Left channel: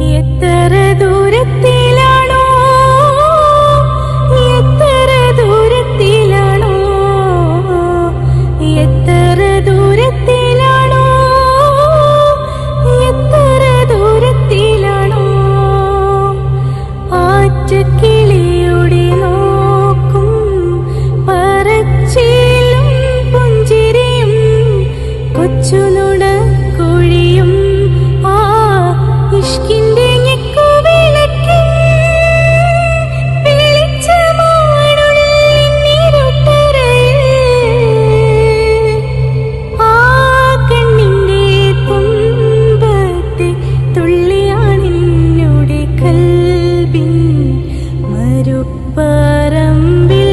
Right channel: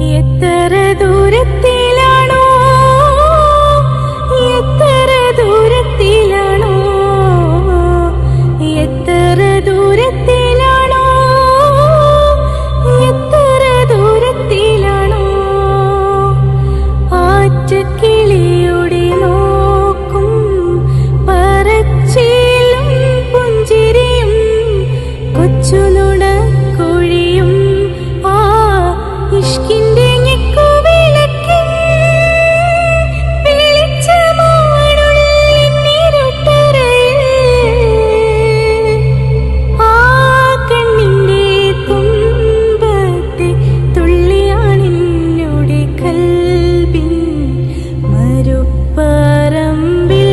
എത്ര ദൂരത്തിലാണോ? എത്ര ദൂരത്തിലാണോ? എത്ര ദൂരത്തിലാണോ? എത്ര ദൂരത്തിലാണോ? ആറ്റക്കിളിയുടെ കരുപ്പറമ്പിൽ